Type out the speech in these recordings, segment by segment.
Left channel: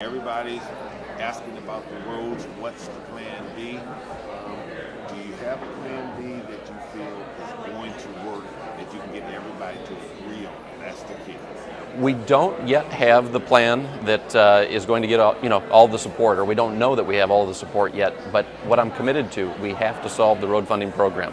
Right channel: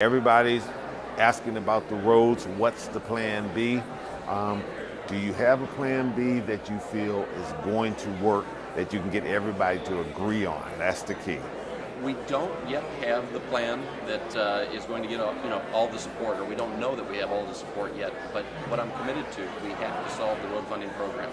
Everybody's asking about the roads. What's the plan B? Do you have a plan B that you feel is going to work, that you can get everybody to agree on? That's the key. We don't yet have the plan that is going to get all the support, or we don't know that we have all the support yet. But what I'm committed to, we have to solve the road funding program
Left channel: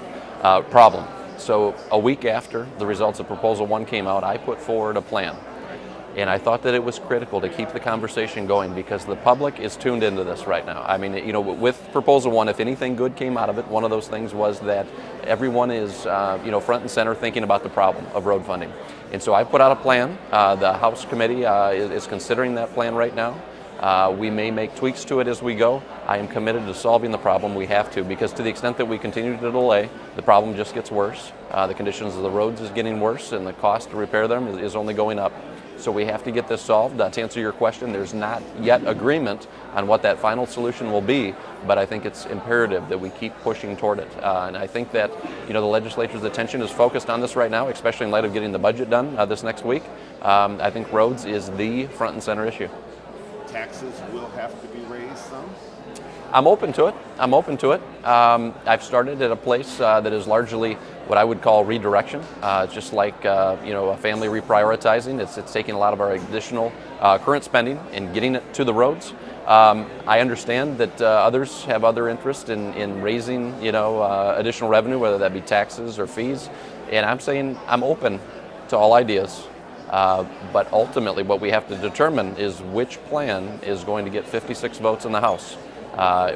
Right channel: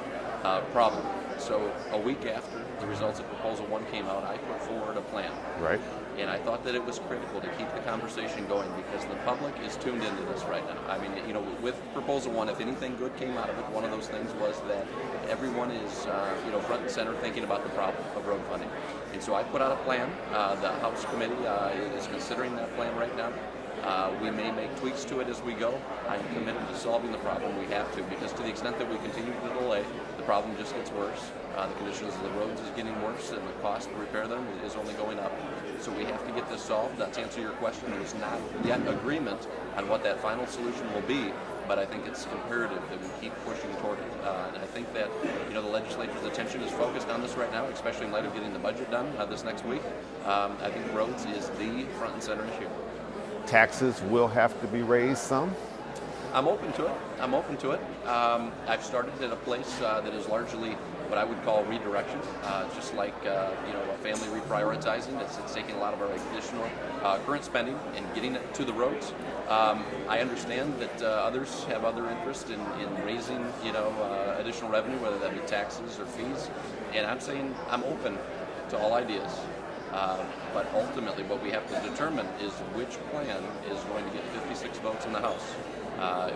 problem. So a week after the results of Proposal 1 came out, I put forward a plan. Right. And I thought that it was critical to keep the conversation going because the public is tuned into this right now. I mean, with Proposal 1, if anything good came out of it, one of those things was that everyone is, front and center thinking about the problem of road funding. And so I put out a plan. The House Committee is considering that plan right now. We may make tweaks to it as we go. I am committed to solving the problem. We have to, because to the extent that we continue to delay, the problem just gets worse. The conditions of the roads is getting worse, and the cost to repair them is only going up. So we have to get this solved. To answer your question, there's not yet agreement on what that final solution will be, but I think it's imperative that we keep pushing toward it. And I think that the legislature's attention is focused on this right now, especially in light of getting the budget done this next week. I think roads is the front and center issue. Taxes will have to be raised some? I'm open to it. I've started at a place that is largely what I would call redirection. Just like a family reprioritizing. It's taking a lot of our additional current spending and getting it to the roads. I understand that others have other interest in raising additional revenue, whether that be taxes or fees. And I'm saying I'm open to all ideas. But ultimately, what we have to determine is which plan is going to get 56 votes in the House.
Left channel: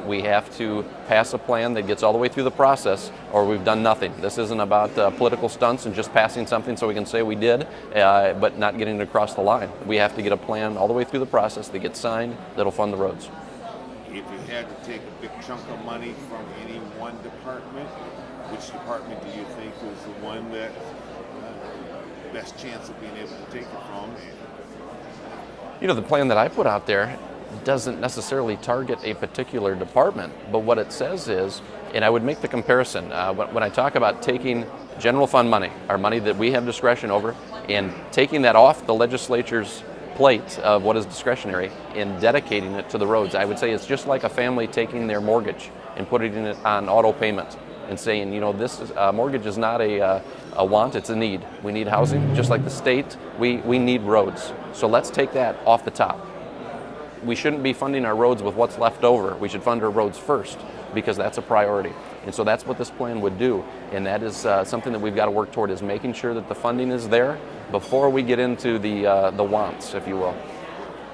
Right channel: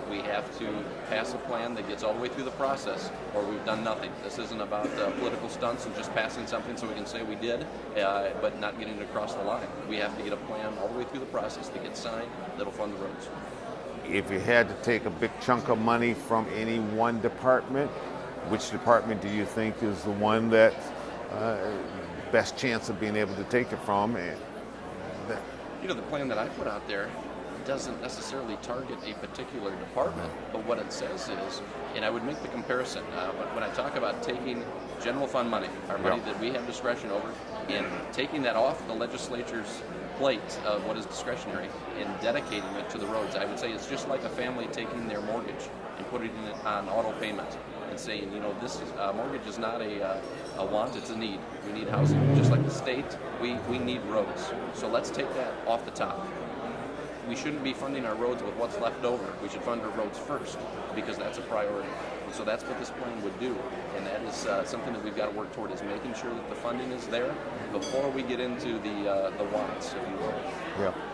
We have to pass a plan that gets all the way through the process, or we've done nothing. This isn't about political stunts and just passing something so we can say we did, but not getting it across the line. We have to get a plan all the way through the process that gets signed that'll fund the roads. If you had to take a big chunk of money from any one department, which department do you think is the one that best chance of being able to take it from? The plan that I put out there doesn't necessarily target a particular department, but what it says is, and I would make the comparison, when I talk about taking general fund money, our money that we have discretion over, and taking that off the legislature's plate of what is discretionary and dedicating it to the roads, I would say it's just like a family taking their mortgage and putting it on auto payment and saying, this is, mortgage is not a want, it's a need. We need housing, just like the state, we need roads. So let's take that off the top. We shouldn't be funding our roads with what's left over. We should fund our roads first because that's a priority. And so that's what this plan would do. And that is something that we've got to work toward, is making sure that the funding is there before we get into the wants, if you will. Yeah.